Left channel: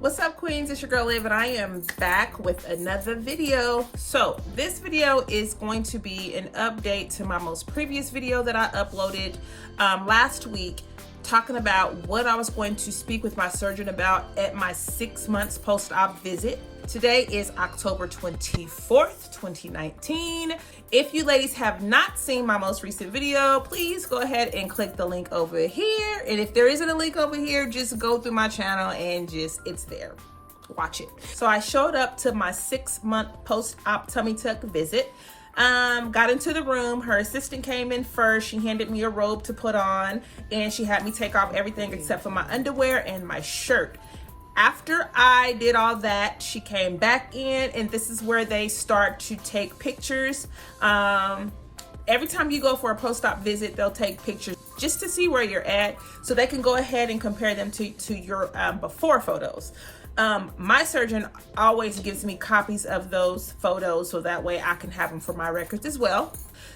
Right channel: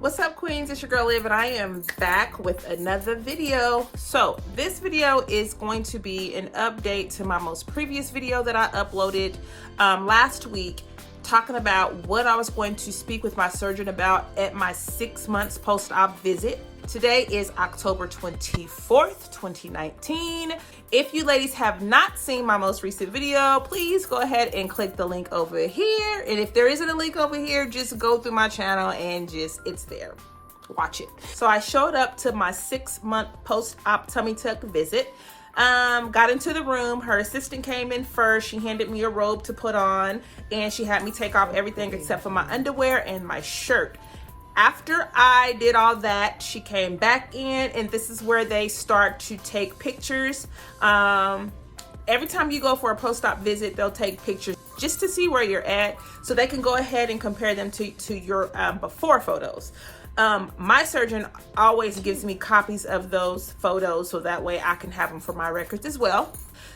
What's up, queens? It's your girl Liv, and I am back with another video. So this video is going to be an update to my most previous video that I uploaded last week, talking about what I was going to speak with my surgeon about at my 6 months post-op visit. Today is October 24th, 2019. If you ladies have not seen my most recent video, please go ahead and click the link over here. And if there isn't a link over here, just go through my channel and it's there. Watch it. So I showed up to my 6 month post-op tummy tuck visit. Got into the room. Her assistant came in first. She handed me a robe to put on, and she had me take off everything except for my underwear and my shirt. After I did all that, she came back in, and this is where they start to take pictures. Every time you go for a post-op visit, they'll take pictures just to see where you're at, so they can go ahead and compare them to your before photos. My surgeon always gives me copies of those photos, so that way I can have them for my records as well.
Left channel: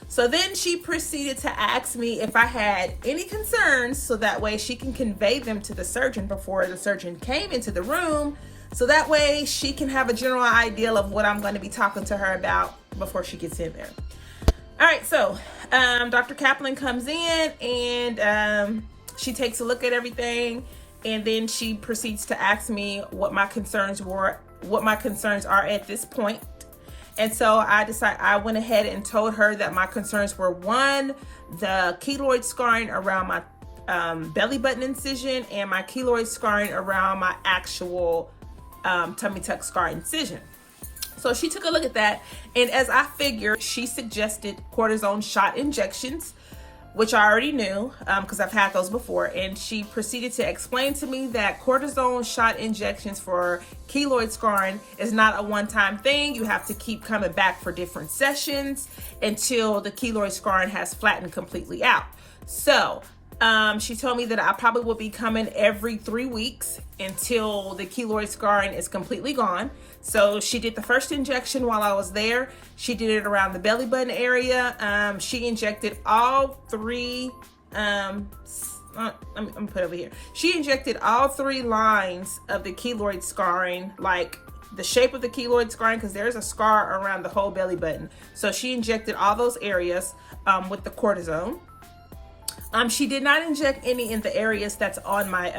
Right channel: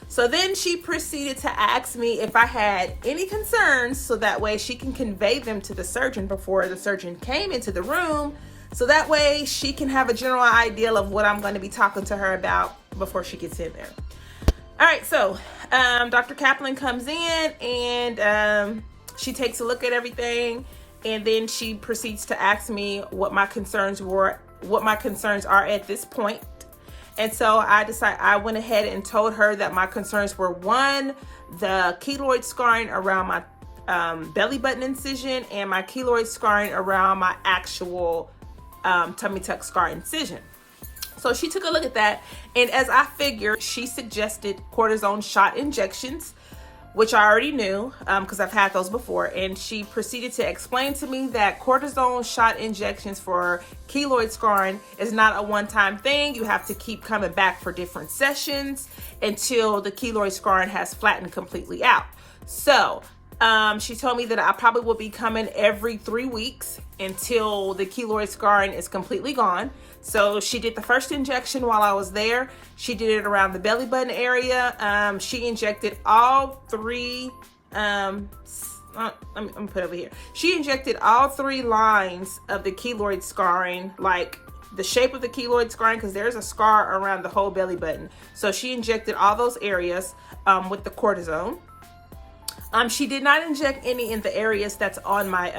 So then she proceeded to ask me if I had any concerns, so that way she can convey them to the surgeon before the surgeon came into the room, so that way she can have a general idea of what I'm going to be talking to her about before she gets in there. All right, so Dr. Kaplan comes in, and she takes a look at everything, and then she proceeds to ask me what my concerns were, what my concerns are at this point. And so I went ahead and told her that my concerns were, one, the keloid scarring around my belly button incision, and my keloid scarring around my actual tummy tuck scar incision. So she took a look at that, and as I figured, she suggested cortisone shot injections, which I already knew because I've had those before. And she proceeded to explain to me that cortisone shot injections for keloid scarring is not a one-time thing. You have to keep coming back for different sessions until the keloid scarring has flattened completely out. So she told me that I probably will be coming every 3 weeks until the keloid scarring is completely gone. So she did the first injection while I was there. She did it around the belly button area. She injected all three, let me put it over here. She injected all 3 lines of the keloid scarring, like the shape of the keloid scarring, because there's a scar around the whole belly button. So she injected all those areas with the cortisone. She did not inject any in the areas that's on my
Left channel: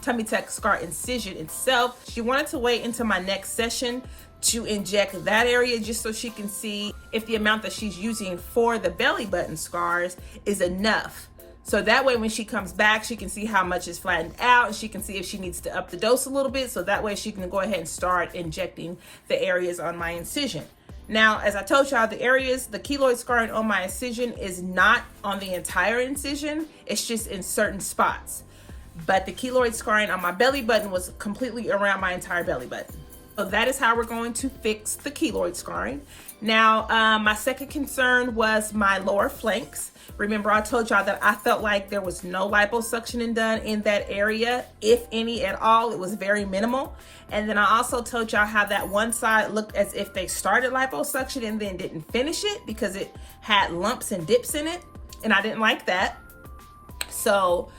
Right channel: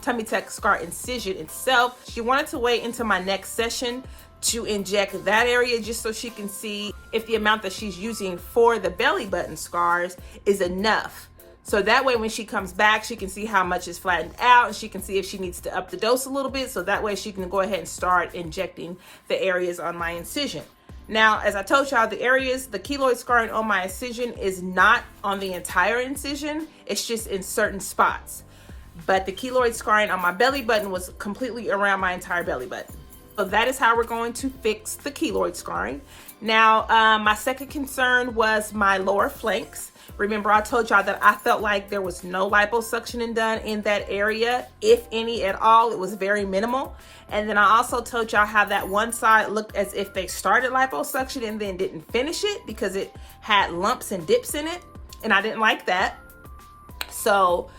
tummy tuck scar incision itself. She wanted to wait until my next session to inject that area, just so she can see if the amount that she's using for the belly button scars is enough. So that way when she comes back, she can see how much is flattened out, and she can see if she needs to up the dose a little bit, so that way she can go ahead and start injecting the areas on my incision. Now, as I told y'all, the keloid scarring on my incision is not on the entire incision. It's just in certain spots. But the keloid scarring on my belly button was completely around my entire belly button. So that is how we're going to fix the keloid scarring. Now, my second concern was my lower flanks. Remember, I told y'all that I felt like there was no liposuctioning done in that area. If any at all, it was very minimal. And then I also told y'all how that one side looked as if they started liposuction and then didn't finish it because it had lumps and dips in it. And I didn't like that. So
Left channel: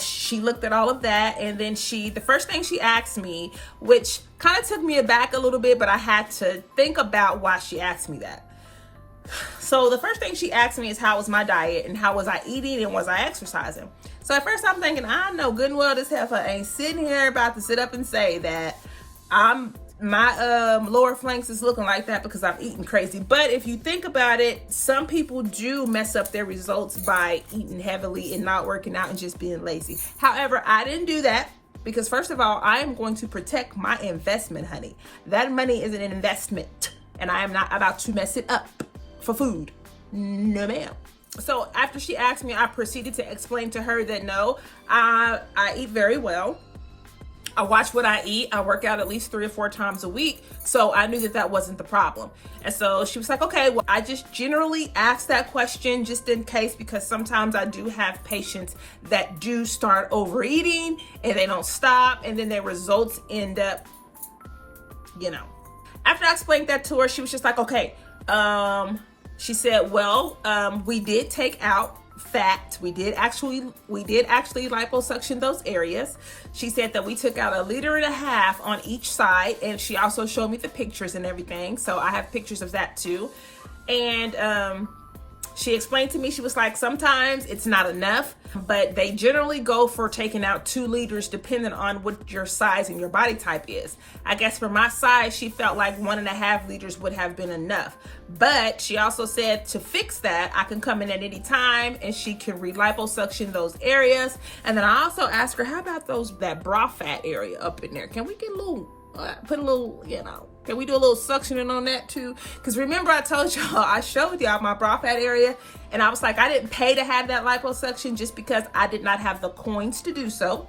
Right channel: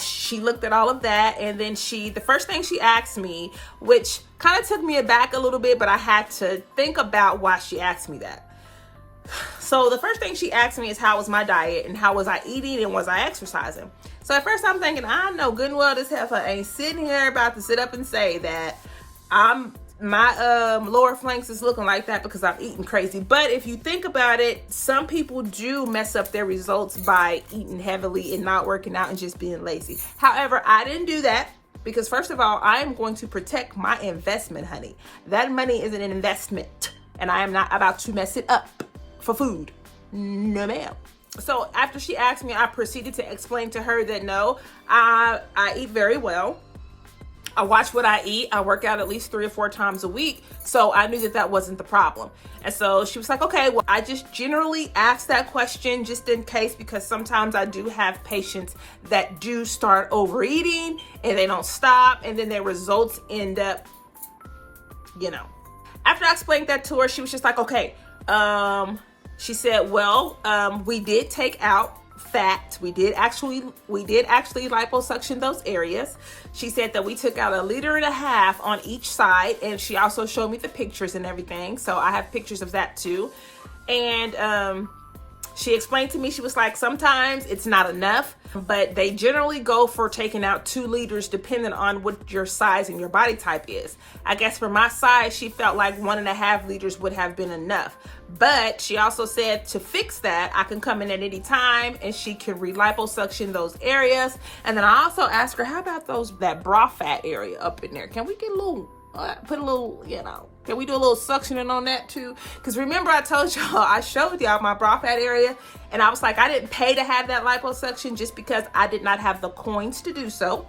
she looked at all of that, and then the first thing she asked me, which kind of took me aback a little bit, but I had to think about why she asked me that. So the first thing she asked me is how was my diet and how was I eating and was I exercising? So at first I'm thinking, I know good and well this heifer ain't sitting here about to sit up and say that my lower flanks is looking like that because I'm eating crazy. But if you think about it, some people do mess up their results by eating heavily and not working out and just being lazy. However, I didn't do that because, first of all, I am going to protect my investment, honey. That money is an investment, and I am not about to mess it up for food. No, ma'am. So after she asked me, I proceeded to explain to her that no, I eat very well. I watch what I eat. I work out at least 3 or 4 times a week. So I knew that that wasn't the problem. And so she was like, okay, well, I just generally ask that question just in case, because sometimes I do have patients that do start overeating and they don't stop, and then their results end up, After I explained that to her, she was just like, okay. She said, well, we did take out fact, we did actually liposuction those areas. She said that we took out 1.5 liters on each side, and she also showed me the pictures and everything. So I have pictures of that too. And she explained to me, she was like, sometimes it's not enough, but they generally go for taking out 2 liters depending on what your size and your body type is. I guess for my size, she felt like 1.5 liters would have been enough. But she also said to fix that, I can come in at any time and she can re-liposuction those areas. And then I also asked her, how about that bra fat area up in there? Can we get a little, put a little, can we do a little suctioning on that too? Because remember I told y'all, I showed y'all my bra fat area, and I was like, I didn't pay to have that liposuction just because I did not have the coins to do so.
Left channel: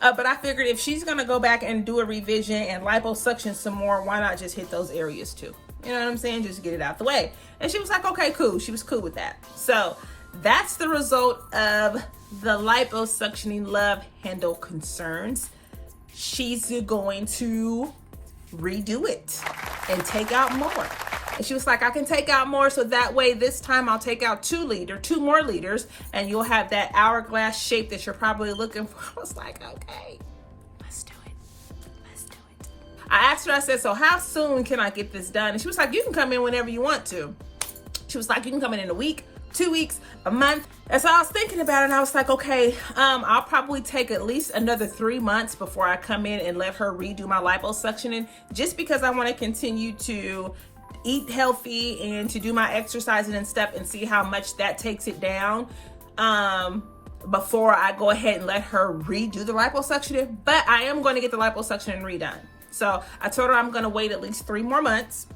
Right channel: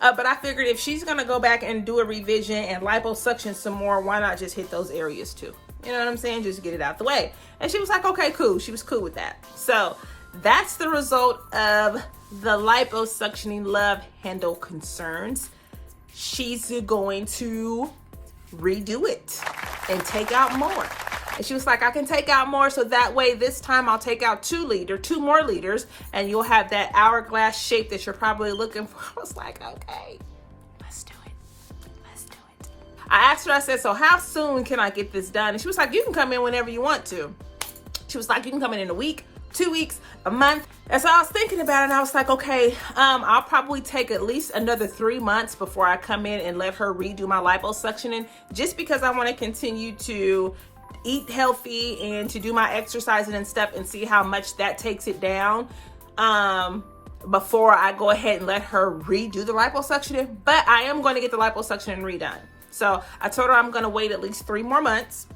But I figured if she's gonna go back and do a revision and liposuction some more, why not just hit those areas too? You know what I'm saying? Just get it out the way. And she was like, okay, cool. She was cool with that. So that's the result of the liposuctioning love handle concerns. She's going to redo it and take out more. And she was like, I can take out more, so that way this time I'll take out 2 more liters, and you'll have that hourglass shape that you're probably looking for. I was like, okay, let's do it. I asked her, I said, so how soon can I get this done? And she was like, you can come in whenever you want to. She was like, you can come in a week, 2 weeks, a month. And so I was thinking about it, and I was like, okay, I'll probably take at least another 3 months before I come in and let her redo my liposuctioning, just because I want to continue to eat healthy and to do my exercising and stuff and see how much that takes it down before I go ahead and let her redo the liposuctioning. But I am going to get the liposuctioning redone. So I told her I'm going to wait at least 3 more months,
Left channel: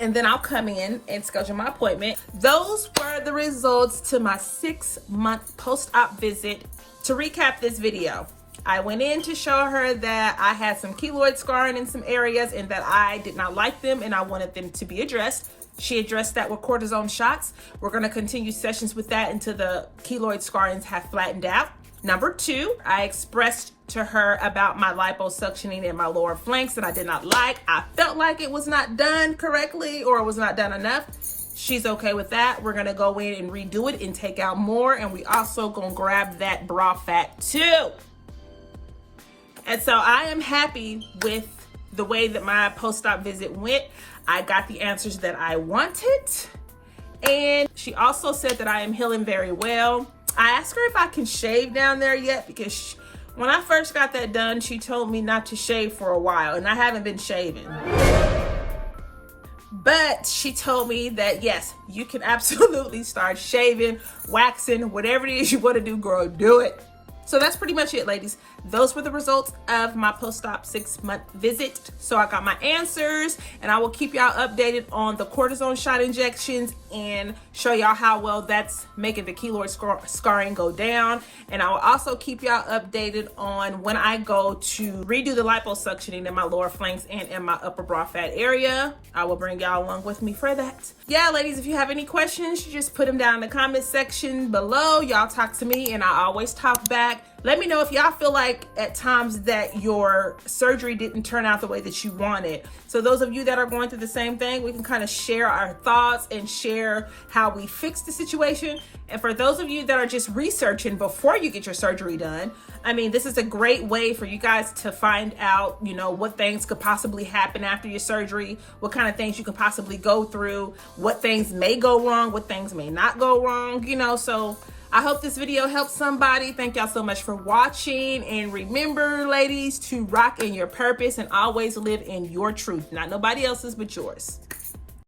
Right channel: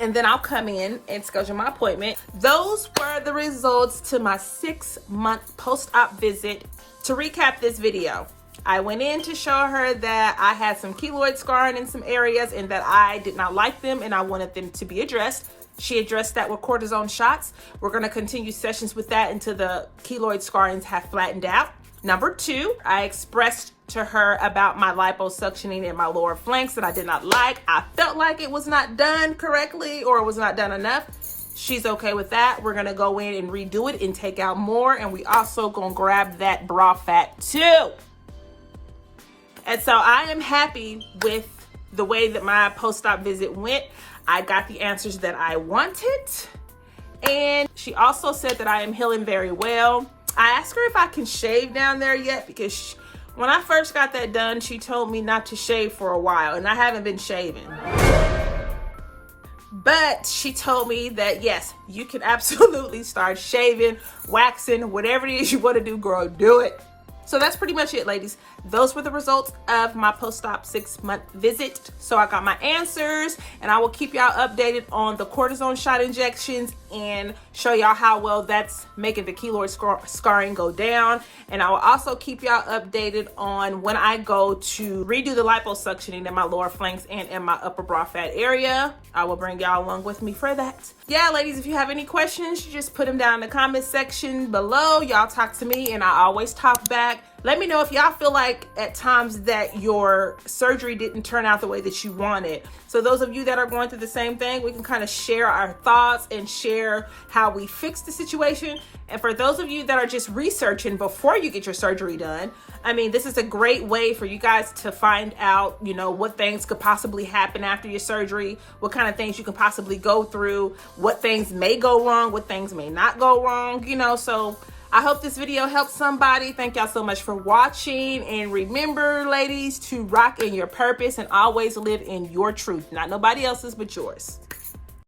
and then I'll come in and schedule my appointment. Those were the results to my 6-month post-op visit. To recap this video, I went in to show her that I had some keloid scarring in some areas and that I did not like them and I wanted them to be addressed. She addressed that with cortisone shots. We're going to continue sessions with that until the keloid scarrings have flattened out. Number 2, I expressed to her about my liposuctioning in my lower flanks that I did not like. I felt like it was not done correctly or it was not done enough. She's okay with that. We're going to go in and redo it and take out more. And we also going to grab that bra fat too. And so I am happy with the way that my post-op visit went. I got the answers that I wanted. And she also said that I am healing very well. I asked her if I can shave down there yet, because when I first got that done, she told me not to shave for a while, and I haven't been shaving. But she told me that yes, you can absolutely start shaving, waxing, whatever it is you want to do, girl, do it. So that's pretty much it, ladies. Those were the results of my post-op 6-month visit. So I got my answers, and I will keep y'all updated on the cortisone shot injections and show y'all how well that's making the keloid scarring go down. And I will also keep y'all updated on when I go to redo the liposuctioning in my lower flanks and in my upper bra fat area. I will bring y'all along with me for that. Yeah, ladies, if you have any questions, you just put them down in the comment section below. Y'all talk to me and I always talk back. Let me know if y'all feel like at times that your surgery didn't turn out the way that you wanted. So those of you that are going through the same thing, we can kind of share our thoughts and share how we fixed the situation. And for those of you that are just researching before you get your surgery done, I mean, this is a great way for you guys to find out, you know, what things could possibly happen after your surgery, what kind of things you could possibly go through, what things may go wrong, what things may not go wrong, you know. So I hope this video helps somebody. Thank y'all so much for watching. And remember, ladies, to rock in your purpose and always live in your truth. Not nobody else's, but yours.